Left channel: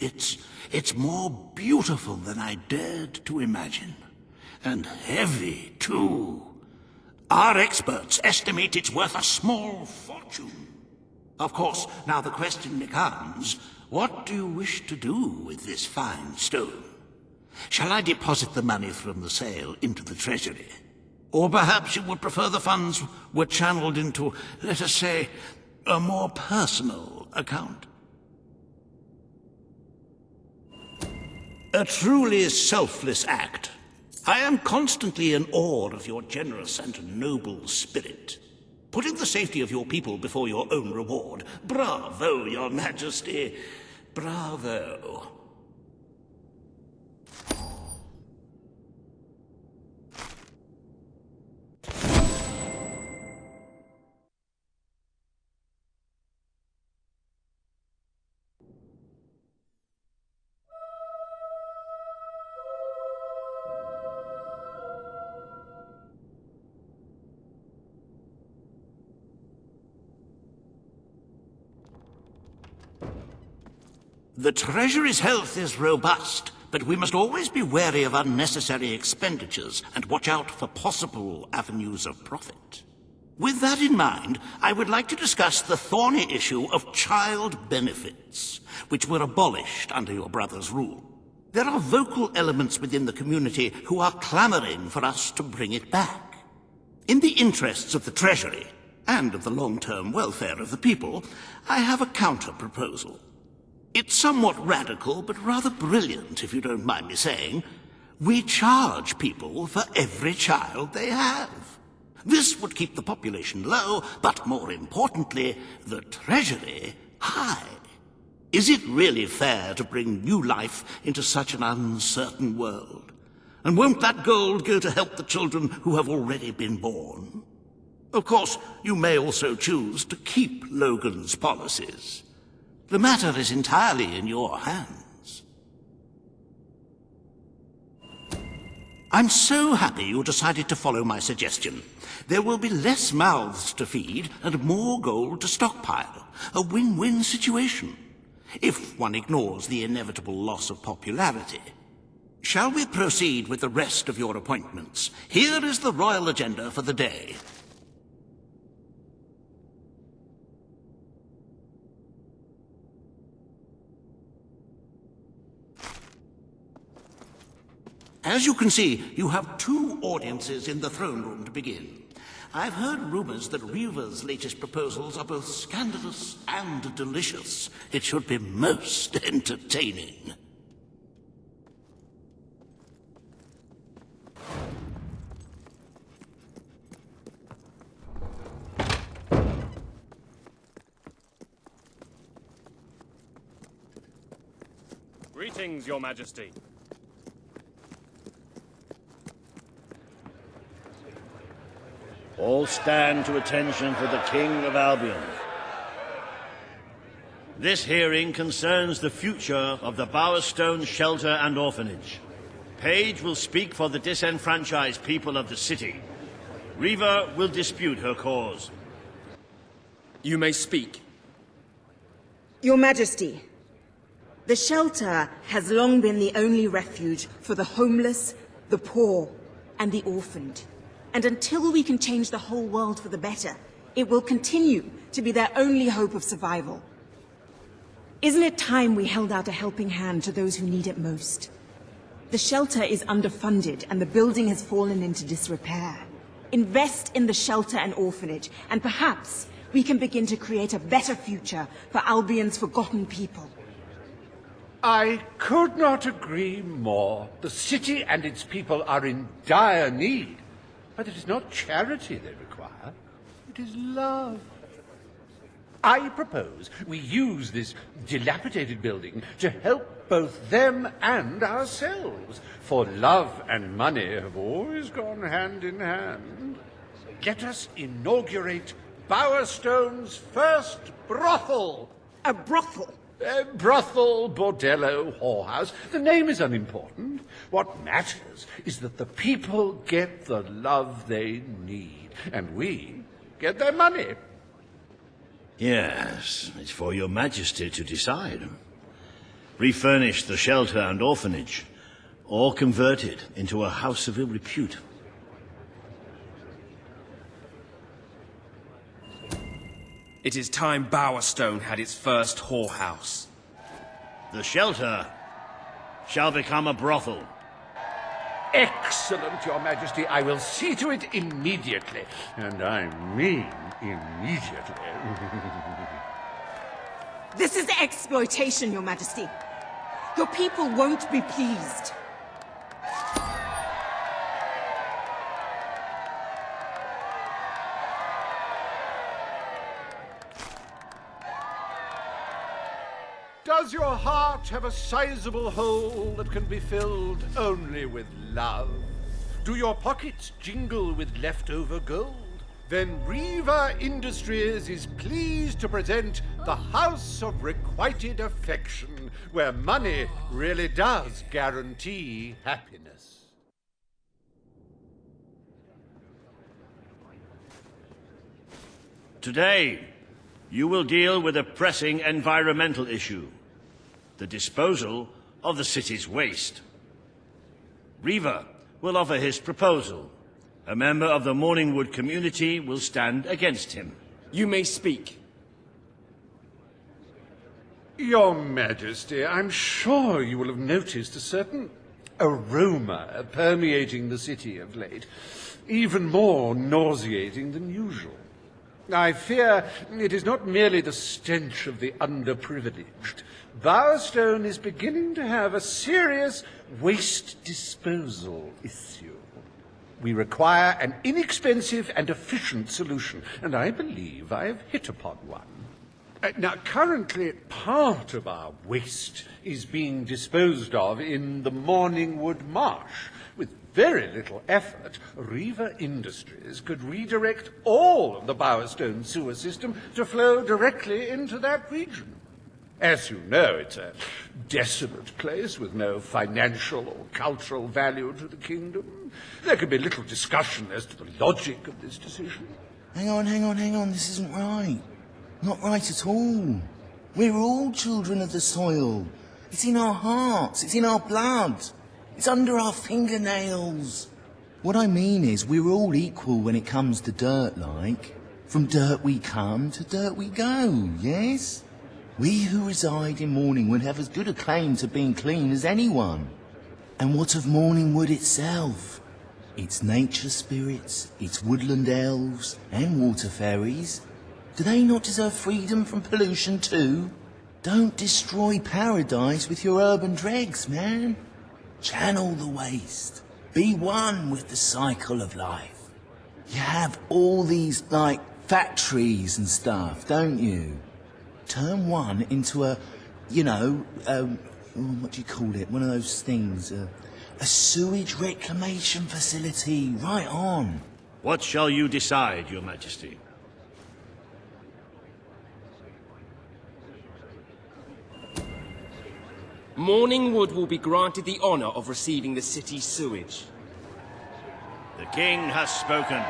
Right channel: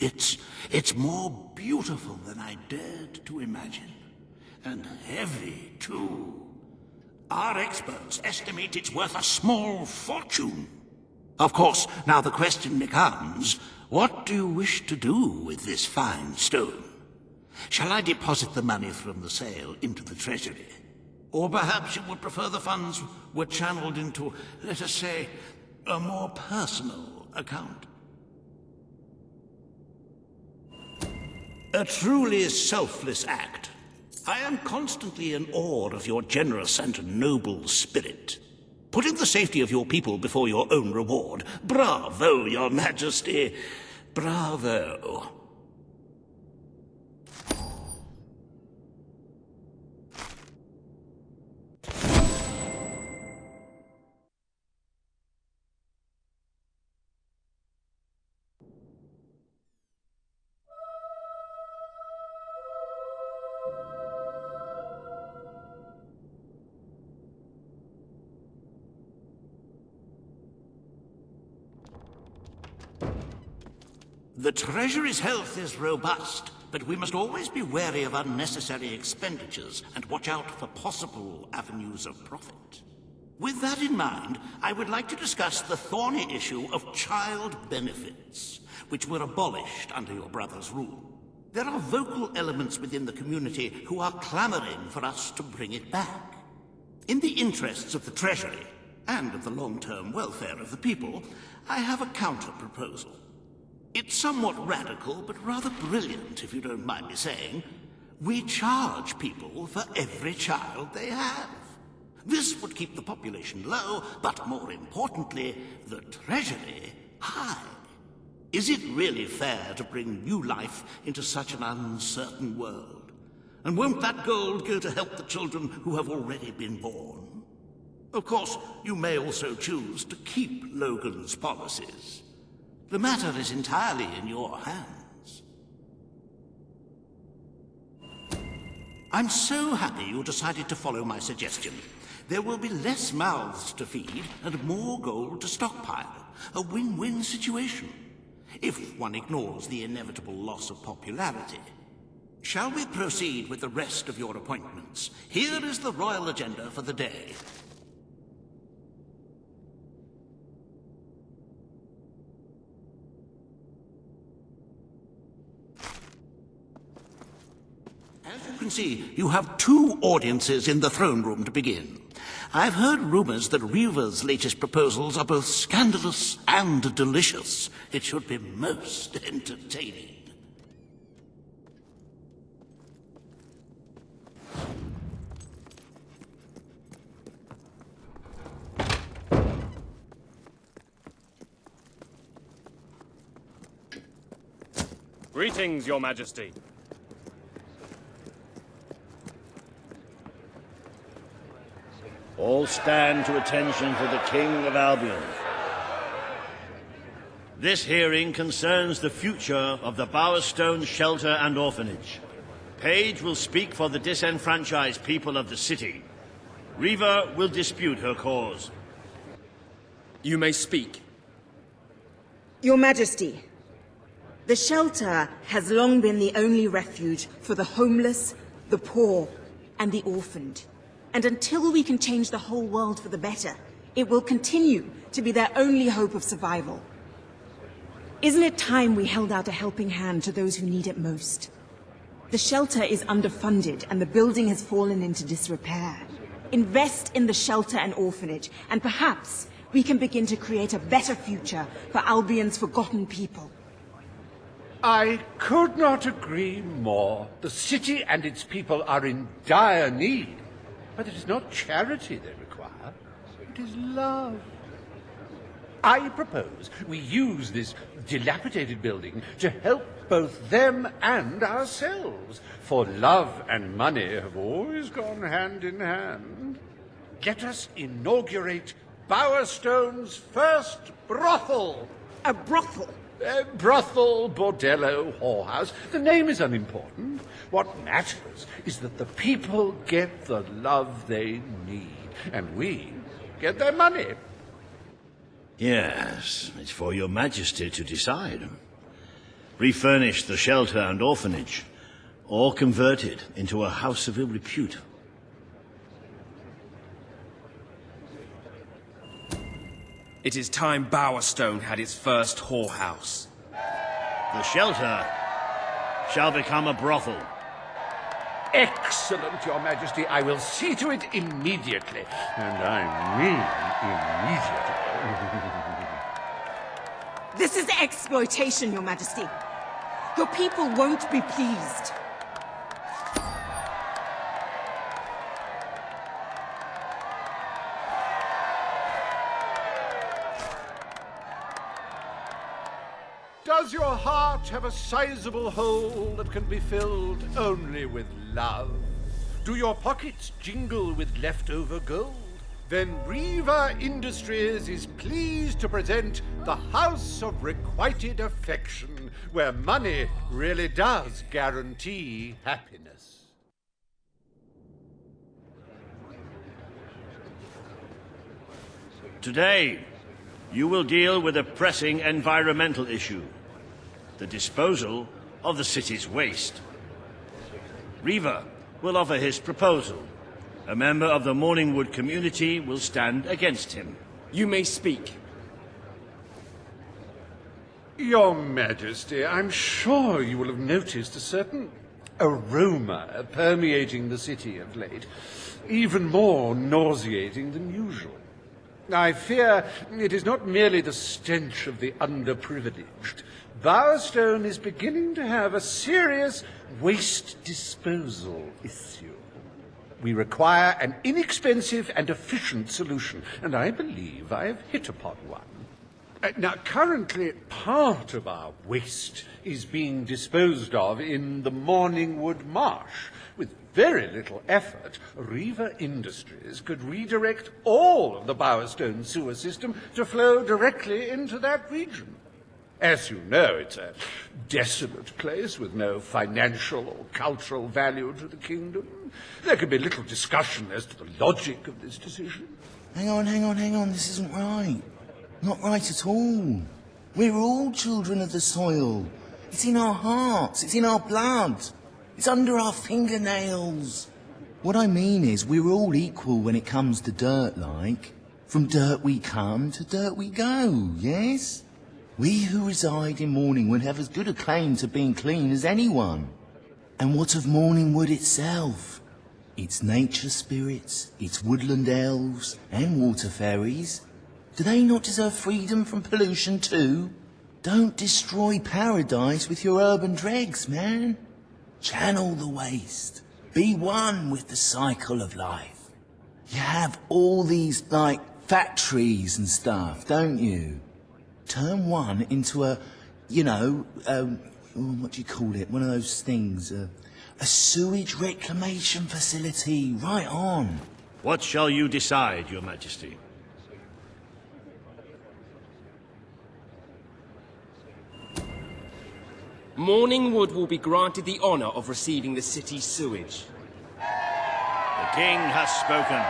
It's more beautiful than I dared to imagine. And heavy, too. Our experts estimate it's worth a small fortune. Of course, now the question becomes, what do you wish to do with this fine stone? Shall I deposit the money from the sale into the treasury? Or perhaps you would prefer the funds were channeled into, let us say, a more personal account? A truly selfless act. I am constantly in awe of your generous and noble spirit. Putting the safety of your people before your own reward. Bravo, Your Majesty. Bravo. The Treasury's health is robust, but we must always be wary of unnecessary expenditures and watch out for possible avenues of profit. With that in mind, I would like to discuss the thorny issue of child benefits, which were abolished under your brother's rule. There are vocal elements within the community who are clamoring for us to bring it back. In the interests of the Treasury, and of the long-term welfare of the people, I have a counter-proposal. It's somewhat radical, but rather brilliant, if you don't mind me saying. We charge people for every child they have. This would keep the population low, but more importantly, the Treasury high. Is it really fair to bring new life into such an uncertain world? And won't that gold go to help the children who have already been born? Of course, you may also choose to keep Logan's policies. The matter is entirely in your hands. I'm so happy you decided to follow my suggestion. There will be less mouths to feed and more gold to stockpile. A win-win situation, if one ignores the inevitable loss of popularity. Shall we proceed with the rest of your appointments? Here is the royal agenda for the day. As you can see, you have 2 audiences in the throne room to begin. I've heard rumors that Reva's latest proposals are both scandalous and delicious. It should be most entertaining. Greetings, Your Majesty. All stand to attention for the King of Albion. This hearing concerns the future of the Bowerstone Shelter and Orphanage. Page will speak for the disenfranchised people of the city. Reva will dispute her cause. You may speak. Your Majesty, the shelter has long been the only refuge for the homeless, the poor, and the orphaned. And until we can change the whole world for the better, it will continue to be their only hope of survival. Isn't it time we held out a helping hand to those who need it most? The shelter is underfunded and the building has fallen into disrepair. Invest in the shelter and orphanage, and perhaps we can begin to create a better future for Albion's forgotten people. I could not agree more. The city and its people are in dire need. But it is not charity they require, it is love. I propose we use this dilapidated building to help both them and ourselves, for love and money have always gone hand in hand. Let us inaugurate Bowerstone's first brothel. A brothel? Brothel, bordello, whorehouse. The name is unimportant. What matters is that the people get the love they need, and we get their money. Yes, it's for your majesty to decide. refurnish the shelter and orphanage, or convert it into a house of ill repute. It is time Bowerstone had its first whorehouse. The shelter shall become a brothel. Excellent, Your Majesty. I will see to it immediately. And I mean immediately. This is exploitation, Your Majesty. Your people won't be pleased. Does your heart have a sizable hole that can be filled only with love? Do your pockets jingle with leftover gold? Then Riva Industries is pleased to present the House of Requited Affection, where money really does guarantee happiness. Today, you will deal with a pressing environmental issue: the disposal of the city's waste. Riva will offer his proposal. A member of the Morningwood community will stand against him. You may speak. Your Majesty, I'm sure you will have noticed a certain aroma permeating the city of late, even more nauseating than usual. I fear it is not merely the stench of the underprivileged. Bowerstone is beginning to have a serious waste disposal issue. We require an inexpensive and efficient solution, and I believe I have hit upon one. Now, currently, part of our waste is being disposed of in the Morningwood Marsh. With very little effort, Riva Industries could redirect all of the Bowerstone sewer system to flow directly into that region. As you know, it's a desolate place with no financial or cultural value to the kingdom. There can be little discussion as to the logic of this decision. Hang on, this isn't right. Not right at all. We're all children of the soil. It's in our hearts, it's in our blood. It's under our fingernails. What I mean is, we're all equal when it comes to dirt, like. From dirt we come to dirt we go, yes? We who reside in Morningwood have as good a claim to being clean as anyone. And what of Morningwood itself? Its nature spirits, its woodland elves, and water fairies. Do they not deserve freedom from pollution too? Don't destroy paradise with your urban dregs, man. Channel the waste. Be one with the cycle of life. You have all these, like, factories and stuff, don't you? Turn one into a, what do you call it? One of those things, a sewage reclamation facility, right on. What shall you decide, Your Majesty? Morningwood will be granted the honor of receiving the city's sewage. The king has spoken.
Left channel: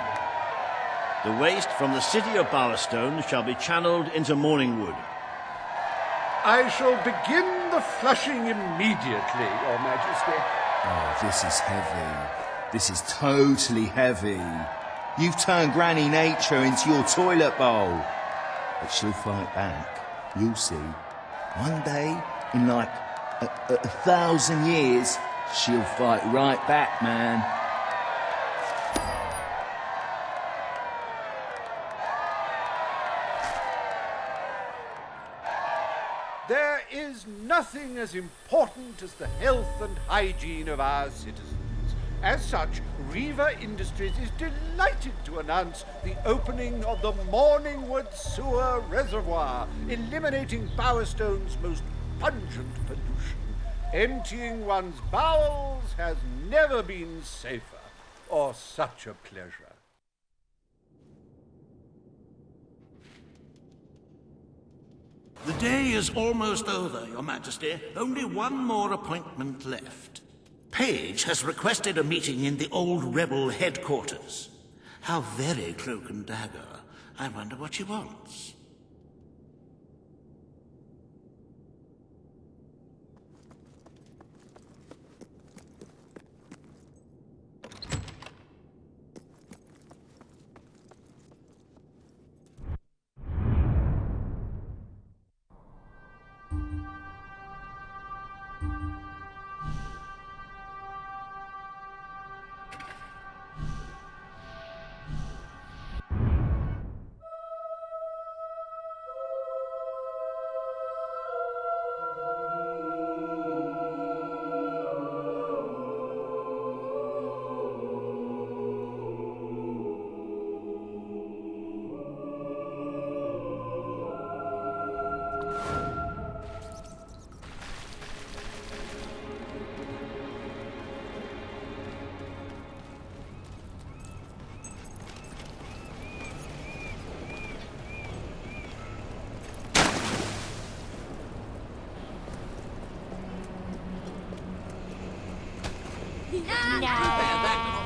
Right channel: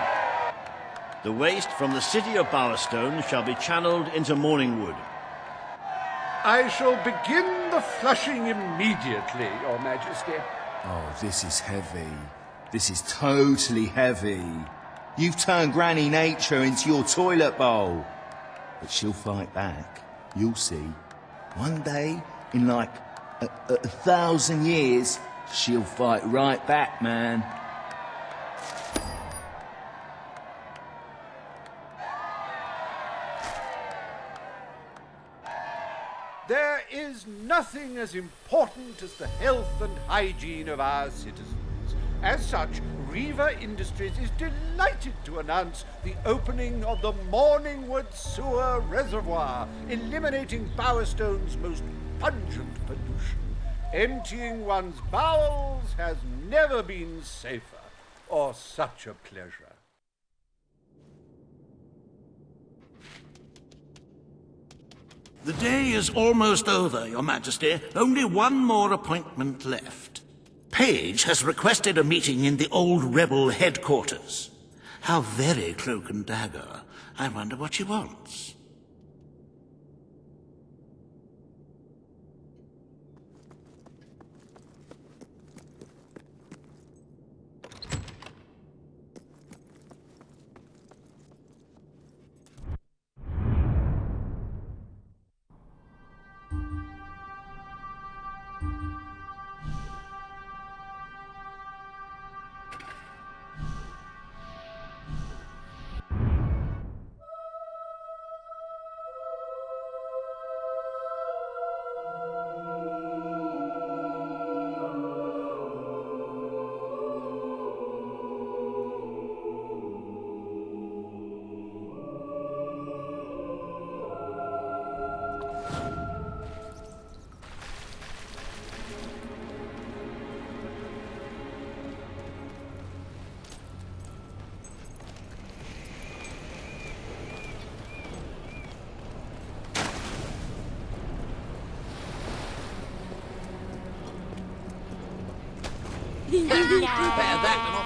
The waste from the city of Bowerstone shall be channeled into Morningwood. I shall begin the flushing immediately, Your Majesty. Oh, this is heavy. This is totally heavy. You've turned Granny Nature into your toilet bowl. But she'll fight back. You'll see. One day, in like a 1,000 years, she'll fight right back, man. There is nothing as important as the health and hygiene of our citizens. As such, Riva Industries is delighted to announce the opening of the Morningwood Sewer Reservoir, eliminating Bowerstone's most pungent pollution. Emptying one's bowels has never been safer or such a pleasure. The day is almost over, Your Majesty. Only one more appointment left. Page has requested a meeting in the old rebel headquarters. How very cloak and dagger. I wonder what she wants. There's that